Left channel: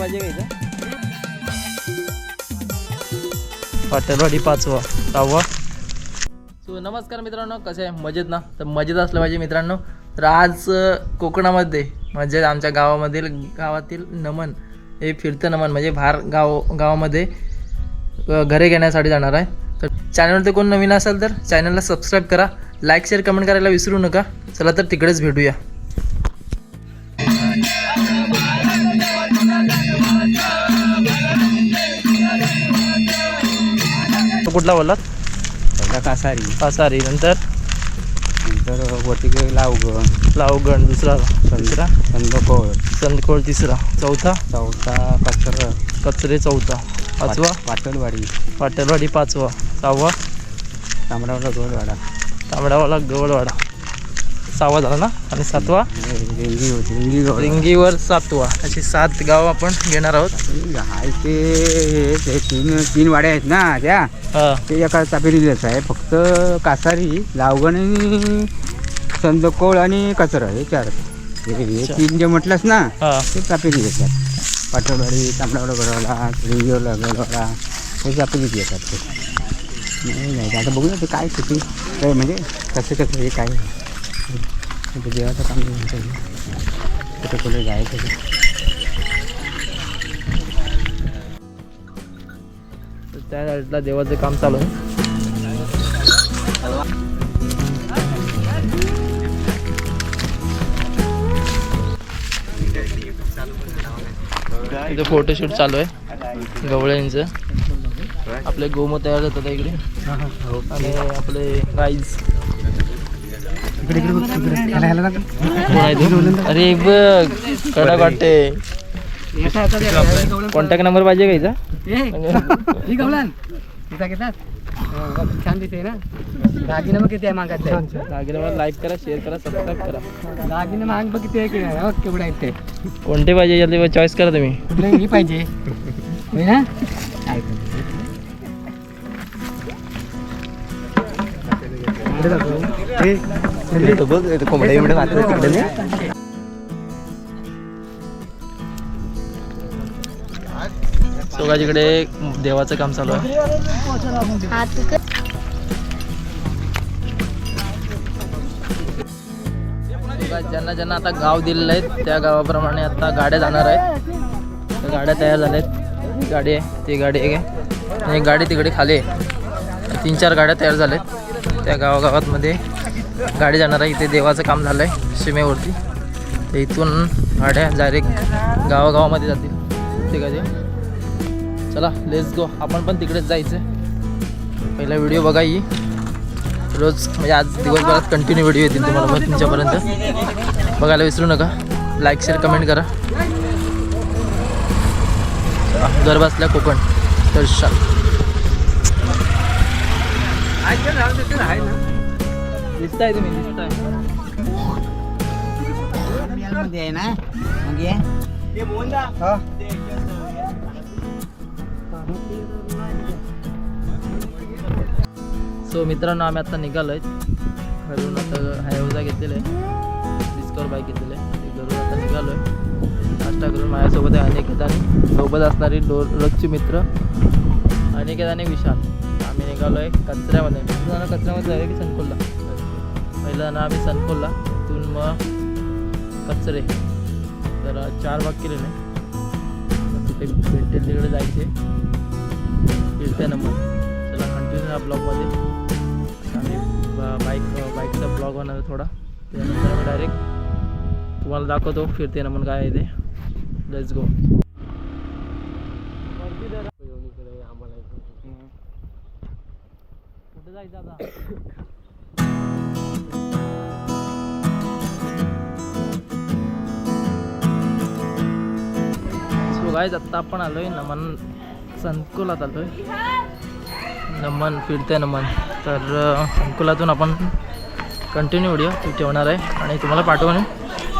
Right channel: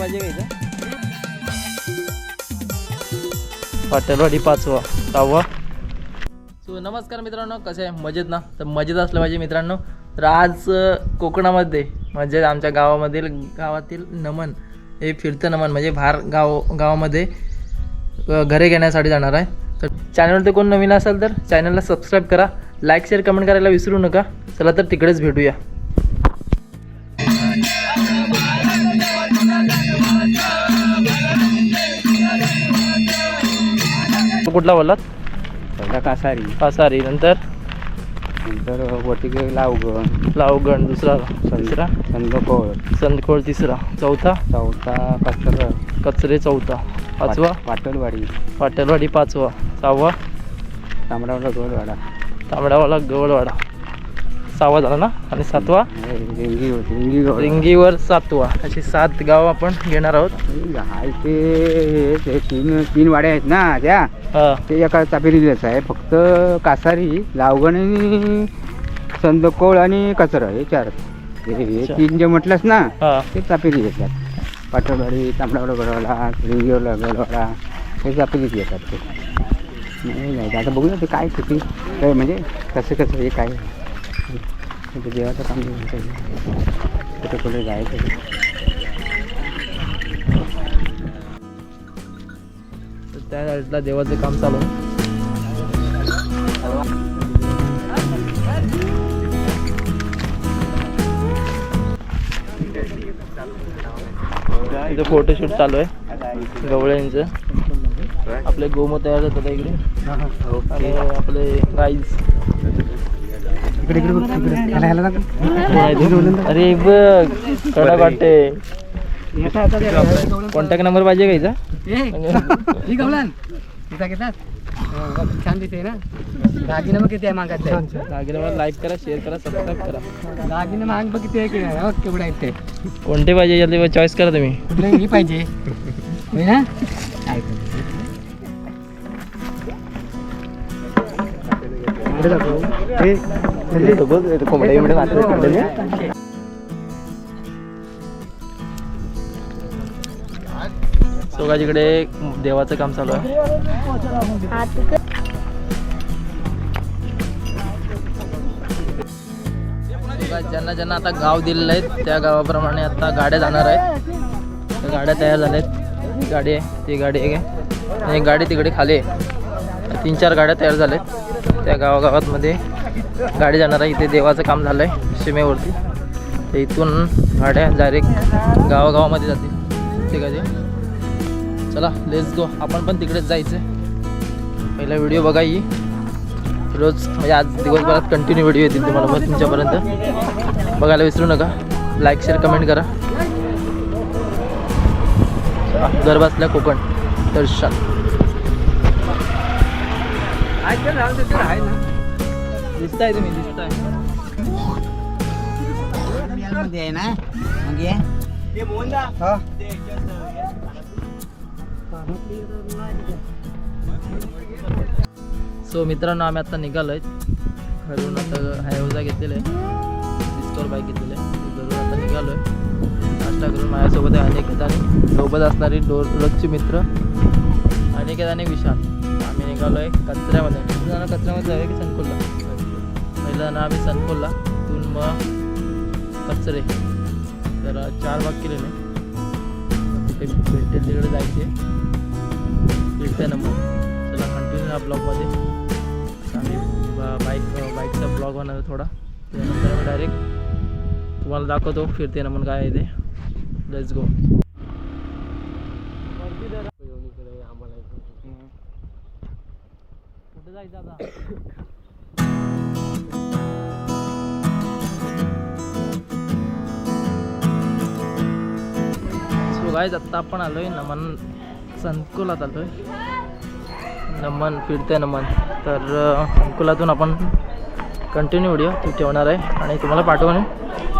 पाहिजे का इथं? पाटलवाडी पाचवा सहावा. सो नमस्कार मित्रांनो कसे आहे? मजेत ना? तर मजेत असलं पाहिजे मित्रांनो. तर आज कोकणामध्ये म्हणजे आमच्या गावामधील गावातील नमन हे फिरतं नमन म्हणजे बाहेर गाव गावामध्ये घरे घेण्यासाठी जाणार आहे. तर चॅनलवरती कोण नवीन असेल तर चॅनलला सबस्क्राईब करा. लाईक शेअर कमेंट करायला विसरू नका. चला तर तिकडेच भेटूया. तो कुठला बोललात? पहिला कासारी. पासारी नंतर? नंतर वटिके लावगण. लावगण दुसरा तिसरा? संदकोळ संदकोळ तिसरा. चौथा? चौथा कचर. कचरे चौथा. पाचवा? पाटलवाडी. पाटलवाडी पाचवा. सहावा? तांबडावला गोलवाडा तांबडावाला गवळवाडा. सहावा झाला ना? आणि सातवा? रिंगीवर सातवा. अशी सात गाव आपण घेणार आहोत. ते तीन तीन वाड्या आहेत ना त्या. ते एका चापेरीलाच आहे फक्त कासारी लावगण आणि संदकोळ आणि कचरा हे चार. तीन जे म्हटलंस ना ते चापेरी येतात. पाटलवाडी तांबडावडा गडवाडा रिंगीवला गडवाडा हे चापेरीत येतात. ते नाही नाही आता बघूया ते काय किती काय म्हणजे कसं कसं हे काय? ते देवाचं काम म्हणतं हे. कुठे कुठे जायचं त्या साईडला देवाचं काम चालू आहे. इथे फोटोशूट चालू आहे गवळ्यांचं आपले गोमू तयार होतात इकडे आणि आपले राईस अरे बघ कडक वाटते. कॉन्टॅक्ट नंबर पाहिजे का हिचा? ही तिचा घेतात छान दिसते ना. दागिने मग किती आहे मागायचं दागिन्यावर लाईक करा शेअर करा सबस्क्राईब करा. दागिने महाग बघ किती आहे की नाही. बघ केवढे कोणते पाहिजे जल्दी चॉईस करा तुम्ही. कुठलं ही पाहिजे. होय ना? सोगाजीकडे देवाचं काम चालू आहे. ज्यांना ज्यांना आता गाव दिलेलं आहे त्या गावाप्रमाणे आता गाड्या जाणार आहेत. त्या गाड्या तयार झाल्या आहेत गाडी आहे ती गाडी आहे. आणि एक गाडी तिकडे खाली आहे. तीन चार गाड्या तयार झाल्या आहेत त्या गावागावातमध्ये. गाडी जाणार आहे. इथे देवाचं काम झालं आहे सीमेवरती. तर इथून गाड्या डायरेक्ट गावागावामध्ये जातील. ठीक आहे चला लेस गो आपण पण तिकडेच जायचं पहिला व्हिडिओ बघा ही. रोज म्हणजे आज दिवसभरात कंटिन्यू व्हिडिओ येतील तुम्हाला मग तुमच्यापर्यंत. बघायला विसरू नका. लाईक शेअर कमेंट करा. घर बसल्या कोकण. दर्शन दिसताय तुम्ही दिसताय. मध्ये आहे ना? मग ये. सो मित्रांनो आम्ही आता निघालो आहे घरून आता हायवजा घेतलेलं आहे डिस्कवर बाईक घेतलेलं आहे घरून आता निघालो आहे नाश्ता करून माझ्यासोबत आहे अनिकेत आणि सोबत असणारी डो रोजचे मित्र अनिकेत आणि विशाल. आम्ही निघालो आहे कचऱ्यामध्ये कचऱ्यामध्ये जाऊया की सनकोलला पहिलं ना आम्ही सनकोलला तिथून मग कचरे. तर चार भाग केलेले. मग तिथे भेटेल तिकडे जायचे. फिरते ना मग. चला कंटिन्यू या ब्लॉगमध्ये आम्ही बाईक बाईकचा ब्लॉग होणार थोडा. त्यानंतर आम्ही डायरेक्ट तुम्हाला दाखवतो. फिरते ना मग काय आहे ते. लेट्स गो कुठे जायचं आता? सो गाईज आत्ता आपण आलोय नमन संकुलात आलोय. नमन फिरते नमन. तर संकुलातून आपण कंटिन्यू व्हिडिओ ठेवणार आहे आणि तुम्हाला पाठवून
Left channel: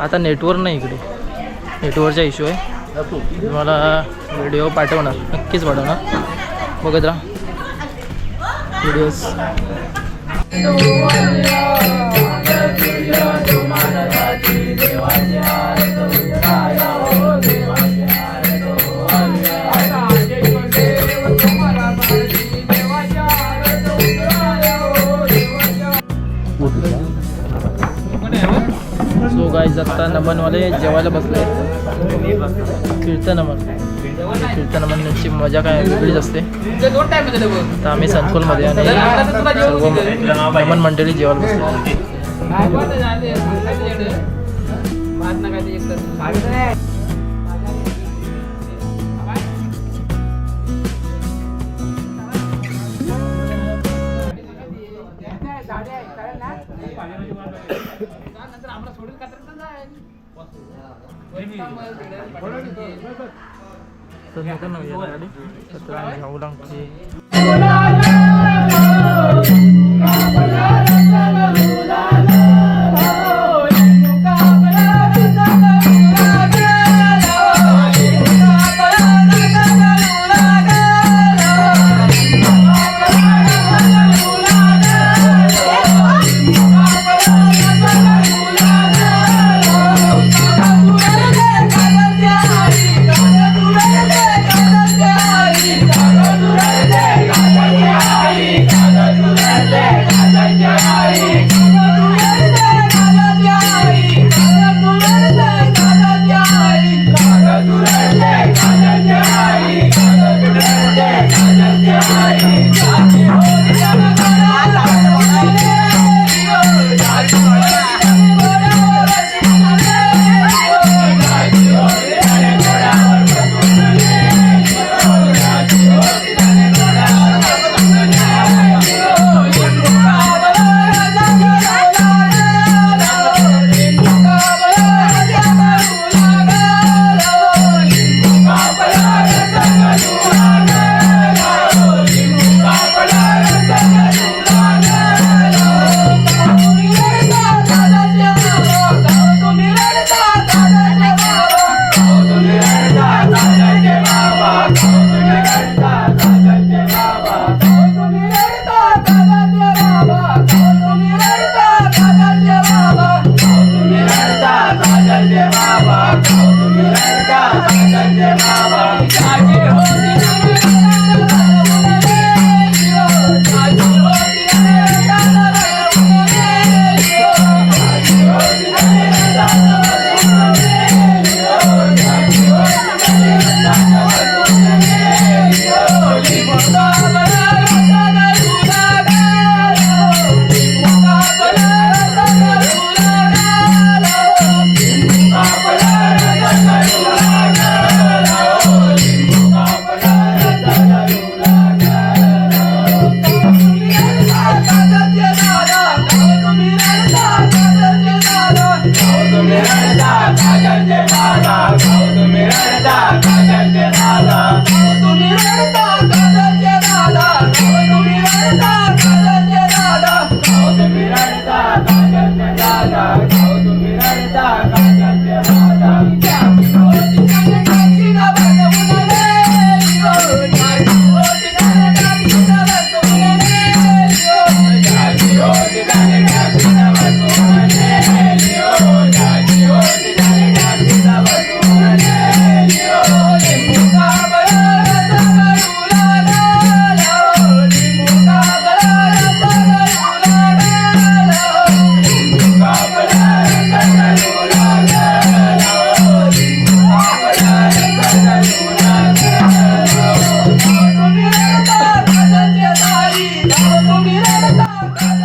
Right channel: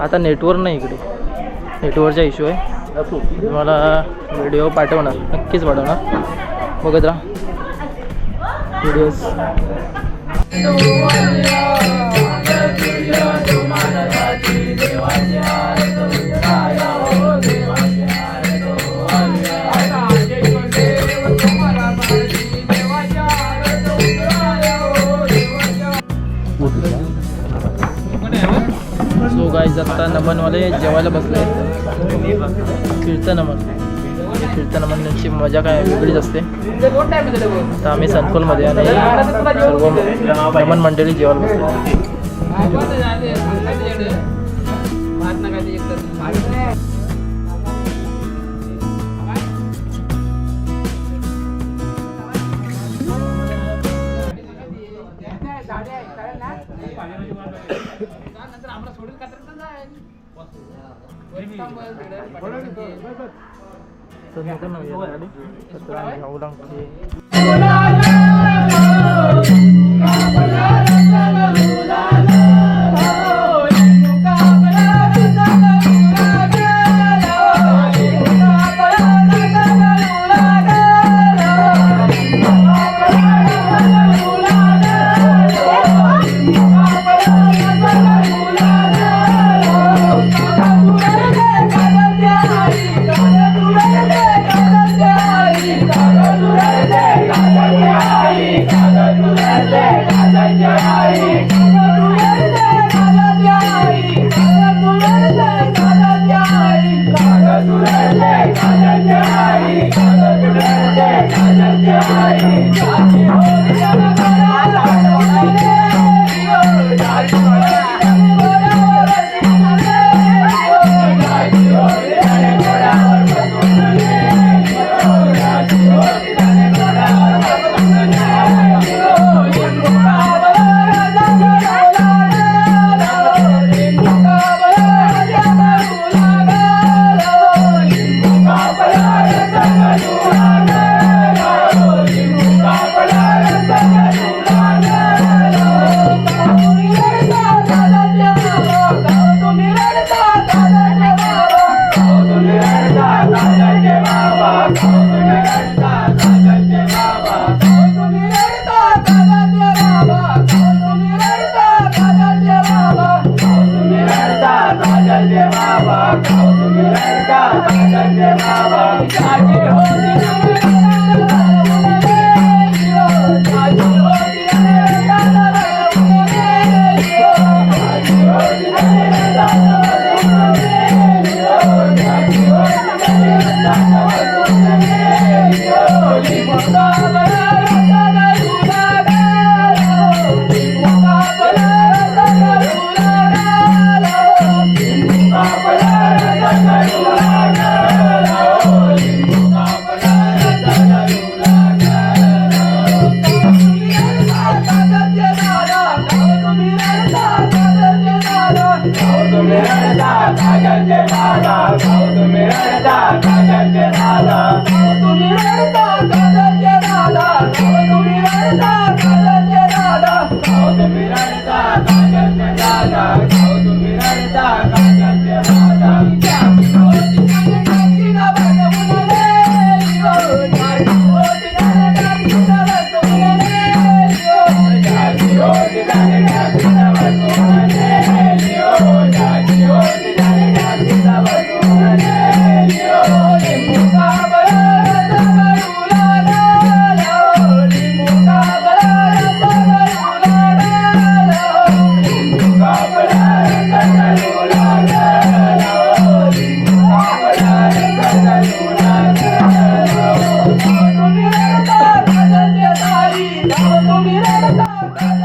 आता नेटवर्क नाही इकडे. नेटवर्कचा इश्यू आहे. तुम्हाला व्हिडिओ पाठवणार. नक्कीच पाठवणार. बघत राहा. व्हिडिओज गाईज आता नमनवाले जेवायला बसले. कीर्तन नमन फिरतं नमनची मजा काय वेगळीच असते. तर आम्ही संकुलमध्ये आणि सर्व नमन मंडळी जेवायला बसले. तर नका ना या गाडी तर आम्ही जाऊ Thank you.